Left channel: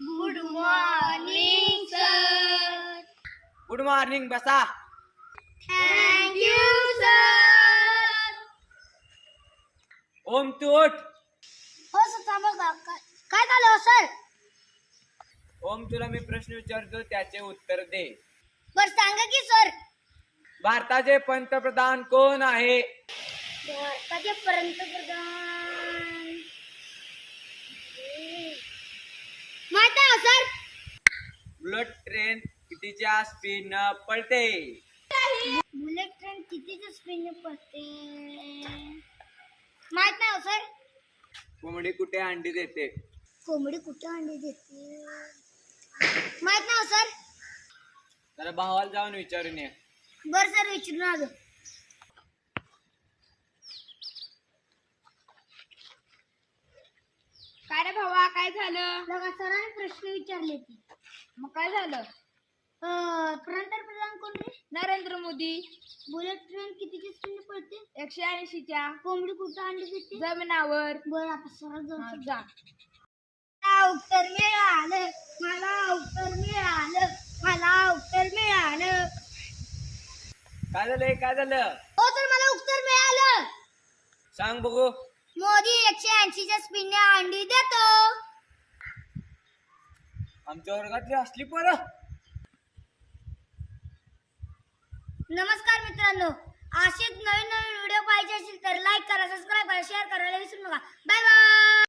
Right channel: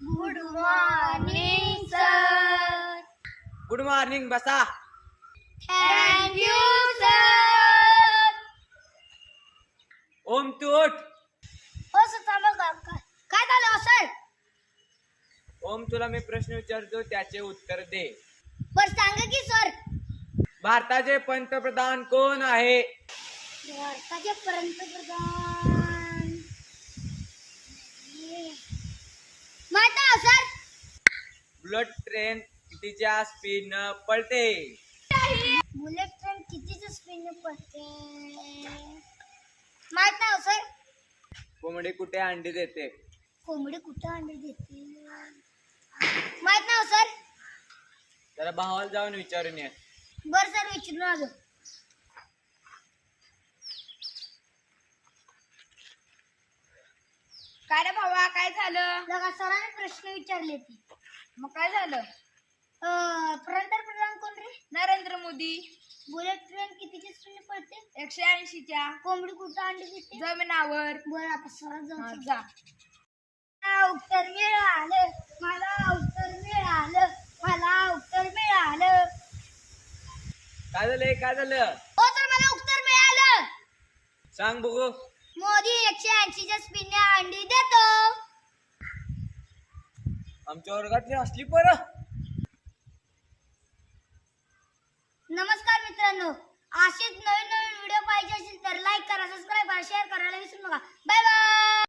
Good morning sir. Good morning. बसा. Thank you sir. Om तू उठ. हो सर थांबा. काय झालं सर? ओम तुला मी प्रश्न विचारतो त्याचे उत्तर दे. बरं सांगा की सर. भारताचे पंतप्रधान कोण आहे? भारताचे पंतप्रधान माहित आहे सर. बुलेट ट्रेन कितीच्या स्पीडनं पळते? बुलेट ट्रेन कितीच्या स्पीडने पळते माहित नाही सर. कोंबडी कुठे अंडी देते? कोंबडी कुठे अंडी देते माहित नाही सर. जरा भावाला जाऊन विचारून ये. बरं सर विचारून आलो. काय रे भावा, काय झालं? लगा सरांनी प्रश्न विचारले ते. मग काय झालं? पंतप्रधान कोण रे? नरेंद्र मोदी. बुलेट ट्रेन कितीच्या स्पीडने पळते? 180च्या. कोंबडी कुठं अंडी देते? जमिनावर. बरं आपण सरात जाऊ. जा. उत्तर मिळालं मला. उत्तर मिळालं मला. उत्तर मिळालं. काय झालंय? काय झालं? हो तर मला उत्तर मिळालं. सांग बघू. मोदी 180च्या स्पीडने अंडी देतो. आमच्या वर्गातली असली पोरं. नमस्कार मित्रांनो, असेच नवीन व्हिडिओ पाहिजे असेल तर लाईक करा, सबस्क्राईब करा, शेअर करायला विसरू नका. Bye bye.